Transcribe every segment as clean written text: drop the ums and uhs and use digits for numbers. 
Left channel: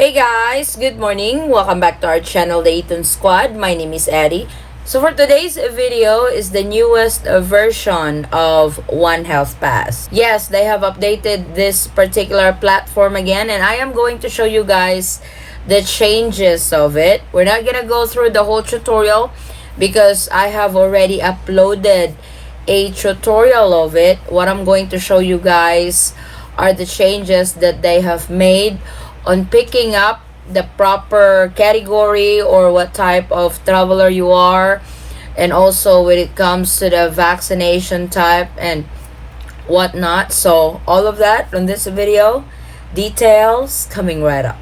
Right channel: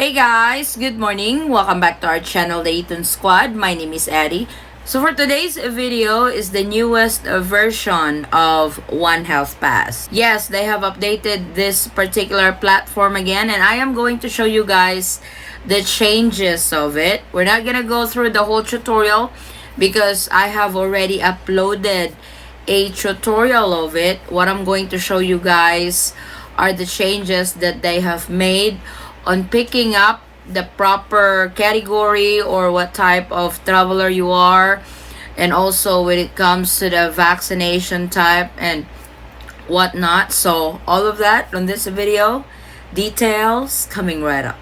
Hey guys, good morning. Welcome back to our channel, the Eaton Squad. My name is Eddie. So for today's video is the newest version of One Health Pass. Yes, they have updated this particular platform again, and I am going to show you guys the changes of it. We're not gonna go through the whole tutorial because I have already uploaded a tutorial of it. What I'm going to show you guys are the changes that they have made on picking up the proper category or what type of traveler you are, and also when it comes to the vaccination type and whatnot. So all of that on this video, details coming right up.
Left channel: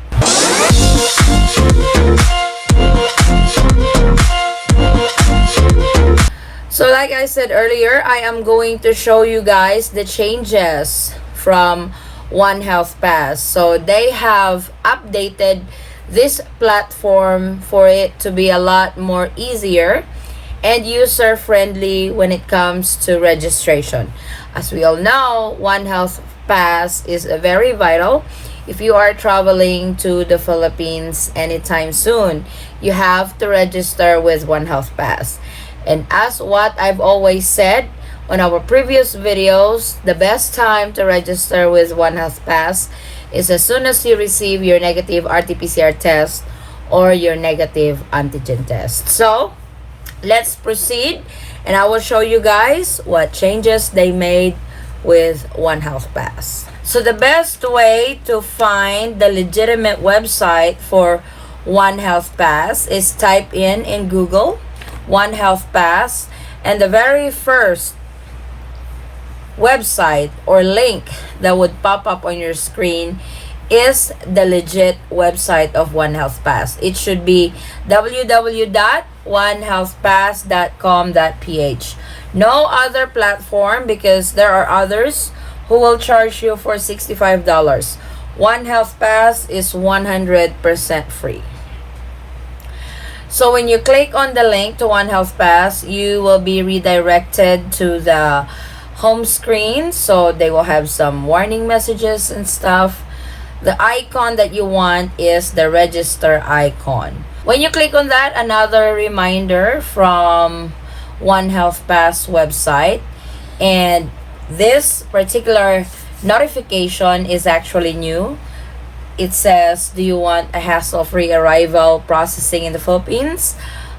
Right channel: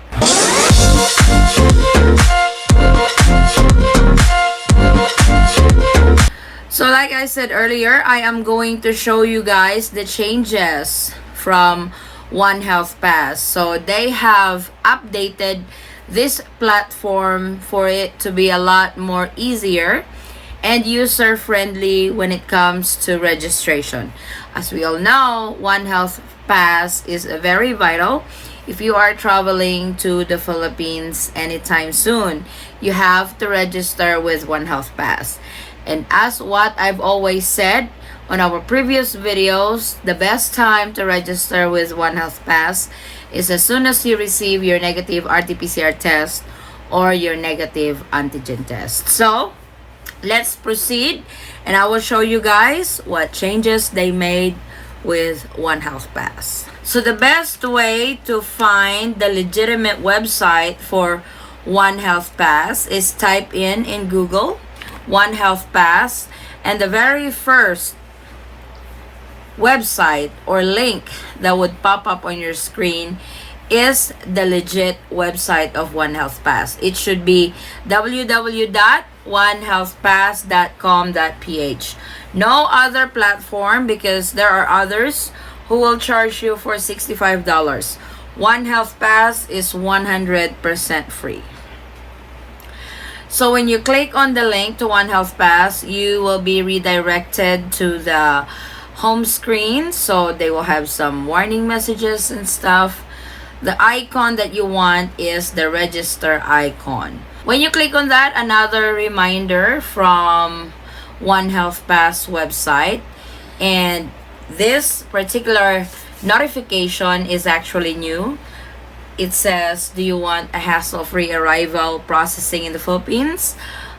So like I said earlier, I am going to show you guys the changes from One Health Pass. So they have updated this platform for it to be a lot more easier and user friendly when it comes to registration. As we all know, One Health Pass is very vital. If you are traveling to the Philippines anytime soon, you have to register with One Health Pass. And as what I've always said on our previous videos, the best time to register with One Health Pass is as soon as you receive your negative RT-PCR test or your negative antigen test. So let's proceed, and I will show you guys what changes they made with One Health Pass. So the best way to find the legitimate website for One Health Pass is type in Google One Health Pass, and the very first website or link that would pop up on your screen is the legit website of One Health Pass. It should be www.onehealthpass.com.ph. No other platform, because there are others who will charge you for $65. One Health Pass is 100% free. So when you click on the link to One Health Pass, you will be redirected to the home screen. So they will have some warning messages and stuff. The icon that you want is the register icon. When you click on that, another reminder from One Health Pass website, and this particular notification is actually new. It says, do you want a hassle-free arrival processing in the Philippines?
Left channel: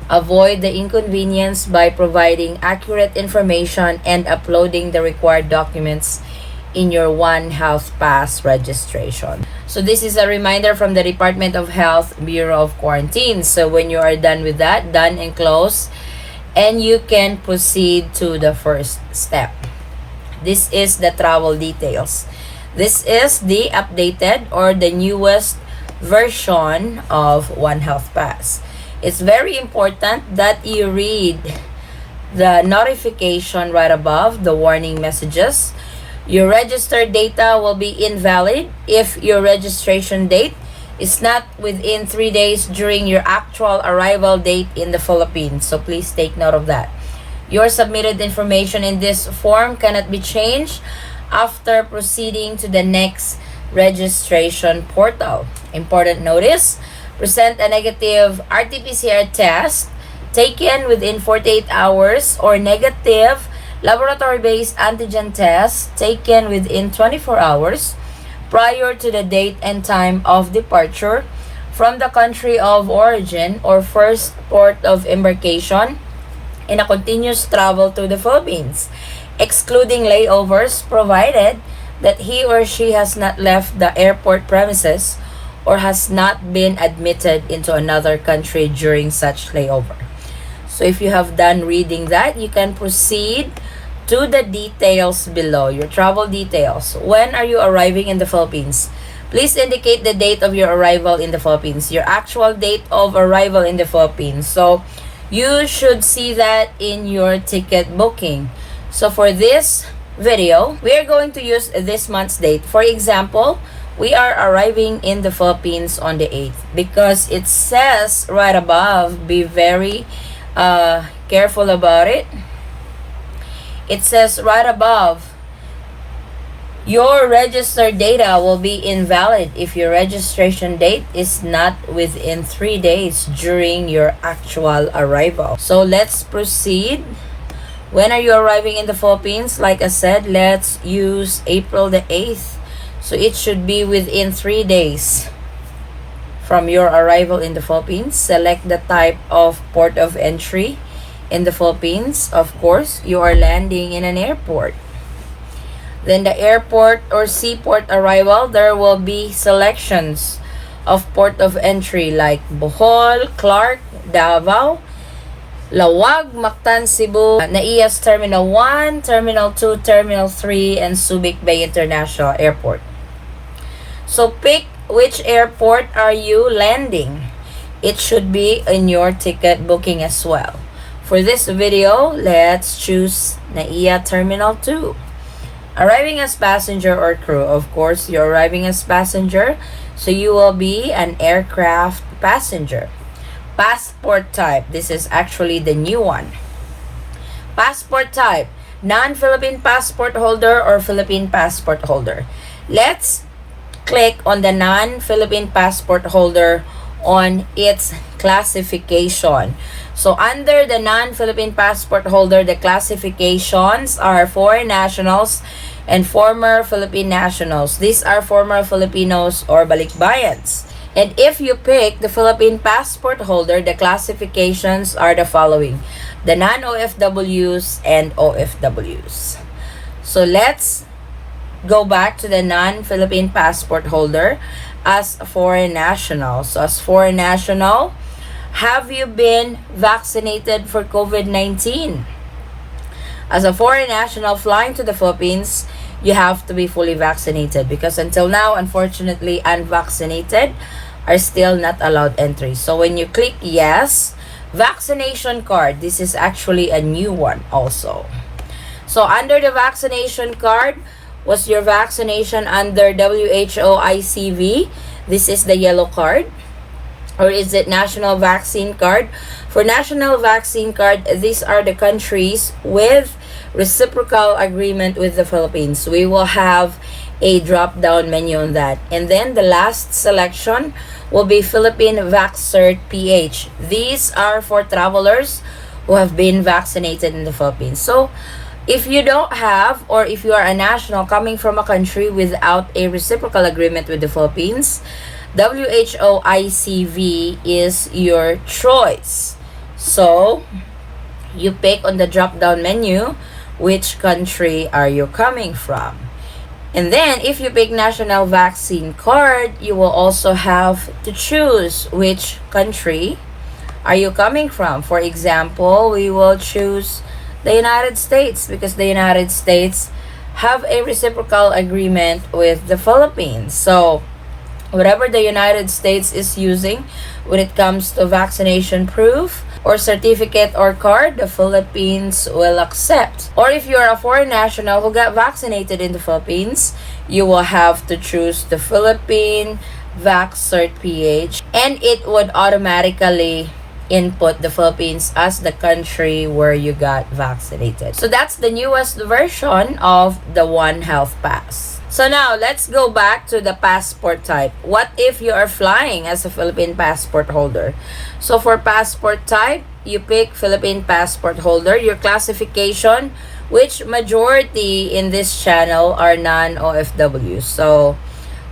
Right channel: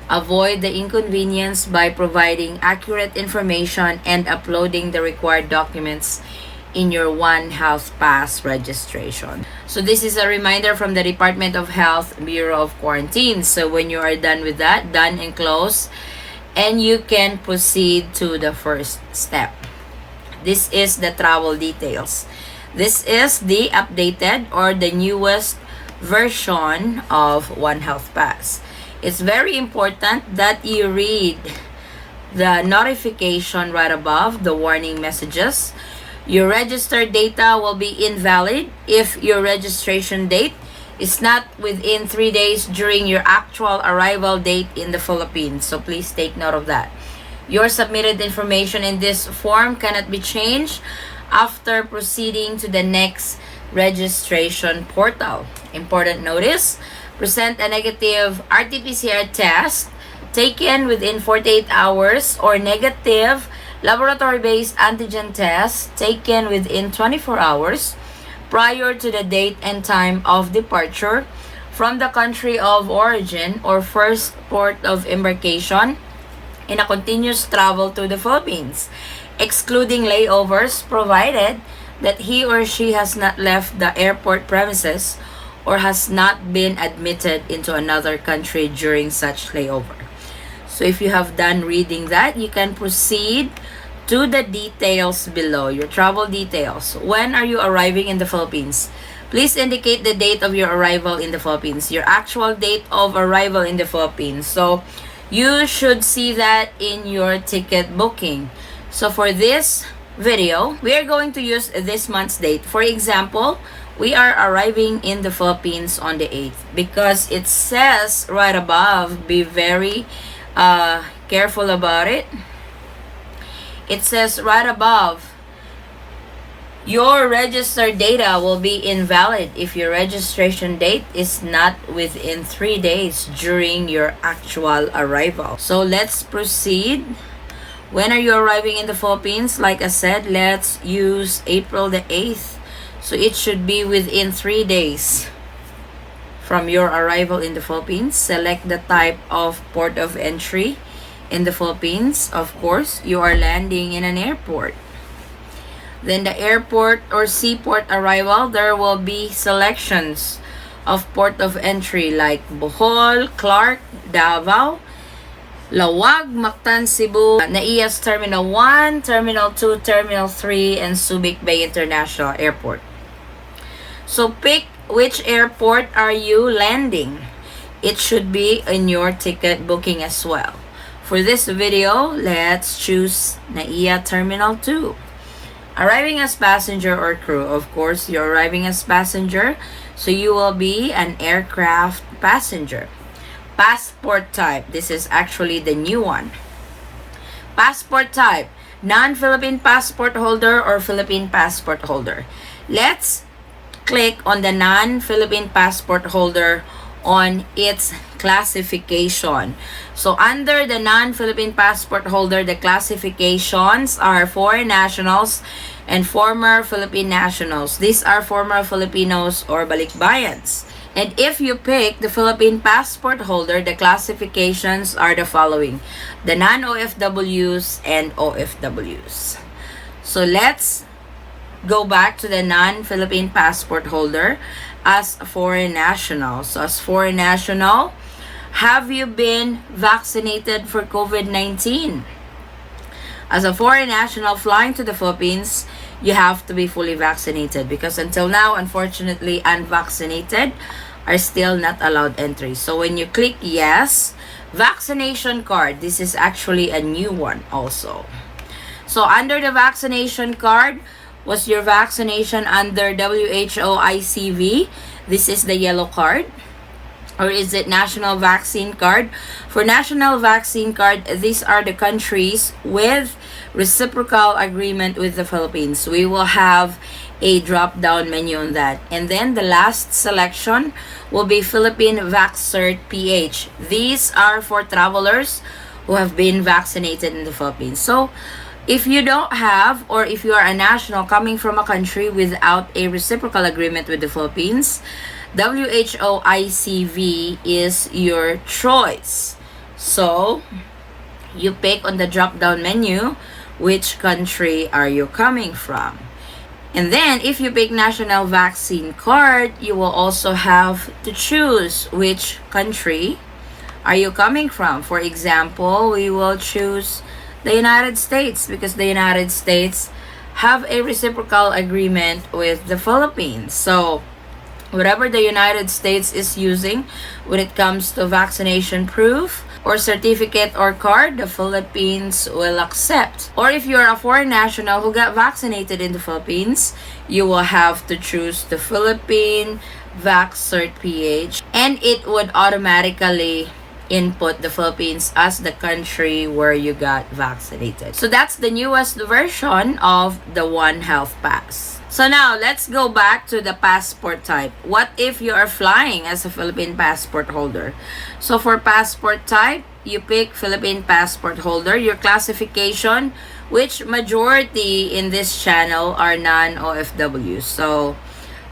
Avoid the inconvenience by providing accurate information and uploading the required documents in your One Health Pass registration. So this is a reminder from the Department of Health Bureau of Quarantine. So when you are done with that, done and close, and you can proceed to the first step. This is the travel details. This is the updated or the newest version of One Health Pass. It's very important that you read the notification right above, the warning messages. Your registered data will be invalid if your registration date is not within 3 days during your actual arrival date in the Philippines. So please take note of that. Your submitted information in this form cannot be changed after proceeding to the next registration portal. Important notice: present a negative RT-PCR test taken within 48 hours or negative laboratory-based antigen test taken within 24 hours prior to the date and time of departure from the country of origin or first port of embarkation in a continuous travel to the Philippines, excluding layovers, provided that he or she has not left the airport premises or has not been admitted into another country during such layover. So if you have done reading that, you can proceed to the details below, your travel details. When are you arriving in the Philippines? Please indicate the date of your arrival in the Philippines, your actual date of arrival in the Philippines. So you should see that in your ticket booking. So for this video, we are going to use this month's date. For example, we are arriving in the Philippines on the 8th because it says right above, be very careful about it. It says right above, Your registered data will be invalid if your registration date is not within 3 days during your actual arrival. So let's proceed. When are you arriving in the Philippines? Like I said, let's use April the 8th. So it should be within 3 days from your arrival in the Philippines. Select the type of port of entry in the Philippines. Of course, you are landing in an airport. Then the airport or seaport arrival, there will be selections of port of entry like Bohol, Clark, Davao, Lawag, Mactan, Cebu, Naias Terminal 1, Terminal 2, Terminal 3, and Subic Bay International Airport. So pick which airport are you landing. It should be in your ticket booking as well. For this video, let's choose Naiya Terminal 2. Arriving as passenger or crew. Of course, you're arriving as passenger, so you will be an aircraft passenger. Passport type. This is actually the new one. Passport type. Non-Philippine passport holder or Philippine passport holder. Let's click on the non-Philippine passport holder on its classification. So under the non-Philippine passport holder, the classifications are foreign nationals and former Philippine nationals. These are former Filipinos or balikbayans. And if you pick the Philippine passport holder, the classifications are the following: the non-OFWs and OFWs. So let's go back to the non-Philippine passport holder as a foreign national. So as foreign national, have you been vaccinated for COVID-19? As a foreign national flying to the Philippines, you have to be fully vaccinated because until now, unfortunately, unvaccinated are still not allowed entry. So when you click yes, vaccination card, this is actually a new one also. So under the vaccination card, was your vaccination under WHO ICV? This is the yellow card. Or is it national vaccine card? For national vaccine card, these are the countries with reciprocal agreement with the Philippines. We will have a drop-down menu on that. And then the last selection will be Philippine VaxCert PH. These are for travelers who have been vaccinated in the Philippines. So if you don't have, or if you are a national coming from a country without a reciprocal agreement with the Philippines, WHO ICV is your choice. So you pick on the drop-down menu which country are you coming from. And then if you pick national vaccine card, you will also have to choose which country are you coming from. For example, we will choose the United States because the United States have a reciprocal agreement with the Philippines. So whatever the United States is using when it comes to vaccination proof or certificate or card, the Philippines will accept. Or if you're a foreign national who got vaccinated in the Philippines, you will have to choose the Philippine VaxCert PH, and it would automatically input the Philippines as the country where you got vaccinated. So that's the newest version of the One Health Pass. So now, let's go back to the passport type. What if you are flying as a Philippine passport holder? So for passport type, you pick Philippine passport holder. Your classification, which majority in this channel are non-OFWs. So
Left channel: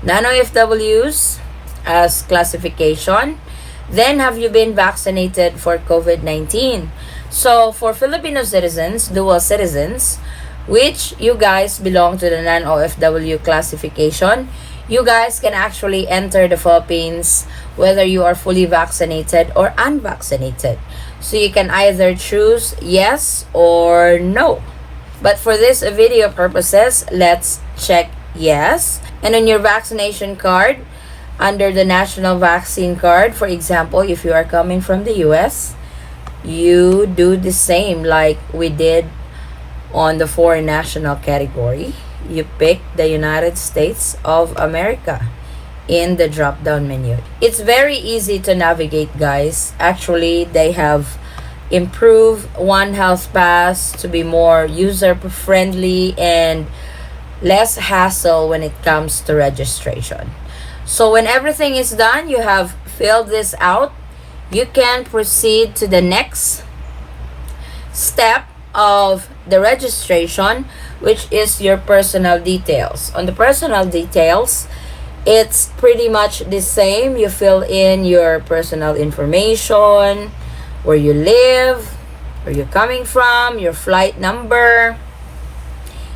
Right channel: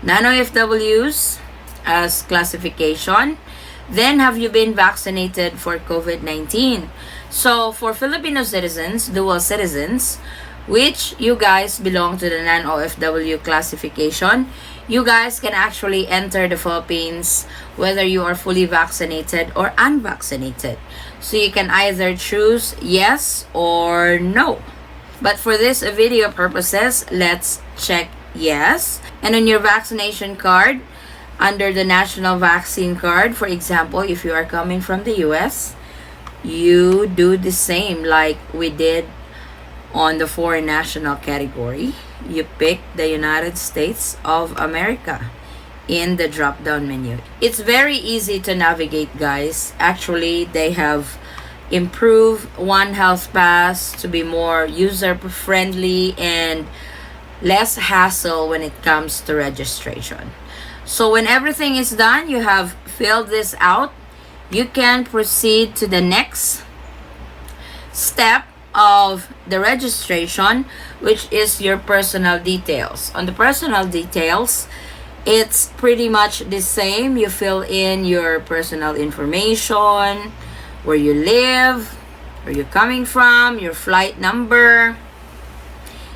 non-OFWs as classification. Then, have you been vaccinated for COVID-19? So for Filipino citizens, dual citizens, which you guys belong to the non-OFW classification, you guys can actually enter the Philippines whether you are fully vaccinated or unvaccinated. So you can either choose yes or no. But for this video purposes, let's check yes. And on your vaccination card, under the national vaccine card, for example, if you are coming from the US, you do the same like we did on the foreign national category. You pick the United States of America in the drop-down menu. It's very easy to navigate, guys. Actually, they have improved One Health Pass to be more user-friendly and less hassle when it comes to registration. So when everything is done, you have filled this out, you can proceed to the next step of the registration, which is your personal details. On the personal details, it's pretty much the same. You fill in your personal information, where you live, where you're coming from, your flight number,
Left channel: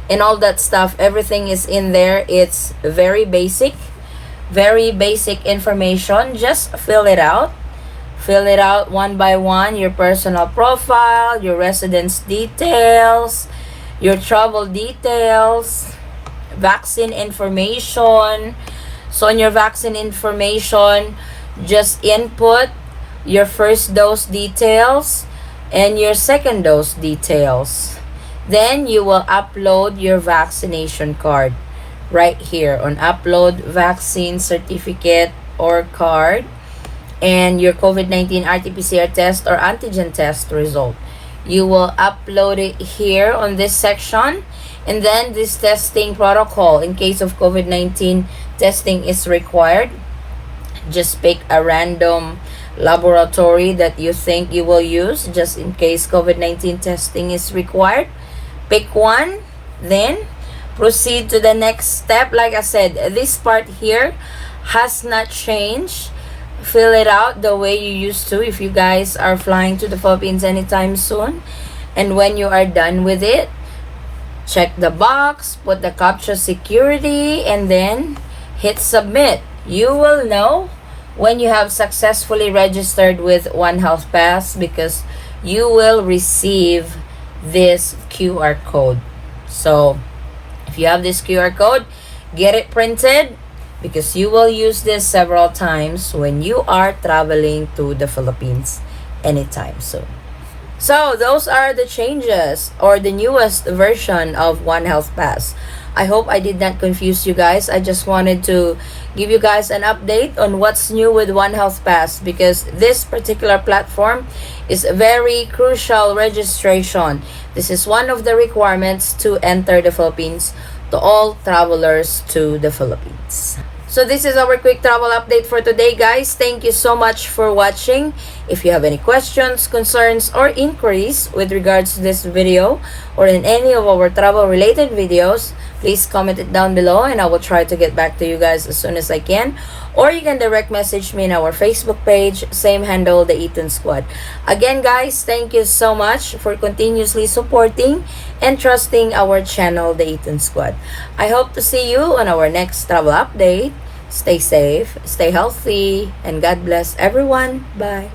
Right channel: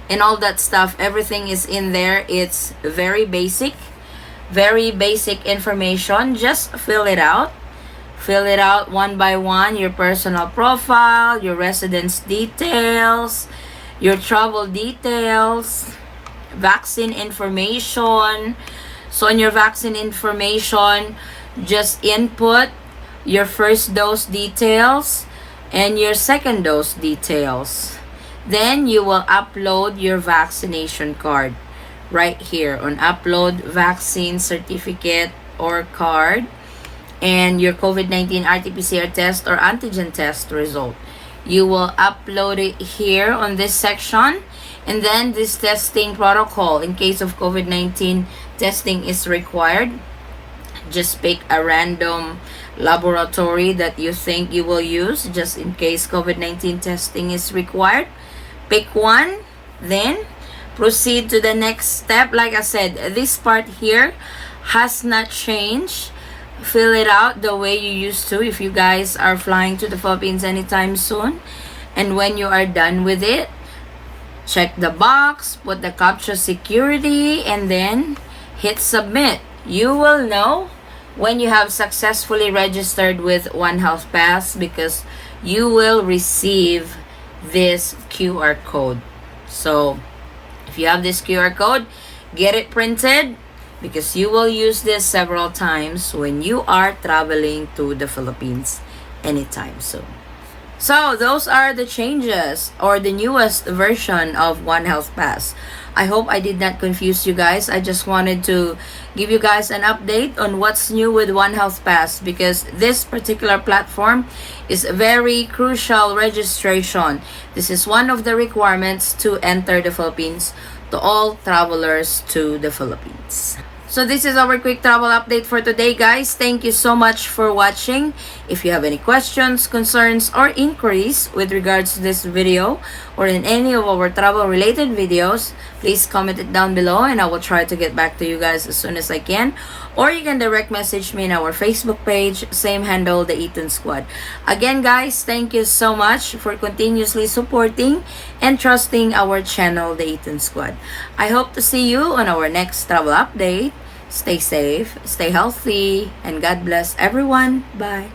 and all that stuff. Everything is in there. It's very basic information. Just fill it out. Fill it out one by one. Your personal profile, your residence details, your travel details, vaccine information. So in your vaccine information, just input your first dose details and your second dose details. Then you will upload your vaccination card right here on upload vaccine certificate or card, and your COVID-19 RT-PCR test or antigen test result. You will upload it here on this section, and then this testing protocol in case of COVID-19 testing is required. Just pick a random laboratory that you think you will use just in case COVID-19 testing is required. Pick one, then proceed to the next step. Like I said, this part here has not changed. Fill it out the way you used to if you guys are flying to the Philippines anytime soon. And when you are done with it, check the box, put the CAPTCHA security, and then hit submit. You will know when you have successfully registered with One Health Pass, because you will receive this QR code. So if you have this QR code, get it printed, because you will use this several times when you are traveling to the Philippines anytime soon. So those are the changes or the newest version of One Health Pass. I hope I did not confuse you guys. I just wanted to give you guys an update on what's new with One Health Pass, because this particular platform is a very crucial registration. This is one of the requirements to enter the Philippines to all travelers to the Philippines. So this is our quick travel update for today, guys. Thank you so much for watching. If you have any questions, concerns, or inquiries with regards to this video or in any of our travel related videos, please comment it down below and I will try to get back to you guys as soon as I can. Or you can direct message me in our Facebook page, same handle, the Eaton Squad. Again, guys, thank you so much for continuously supporting and trusting our channel, the Eaton Squad. I hope to see you on our next travel update. Stay safe, stay healthy, and God bless everyone. Bye.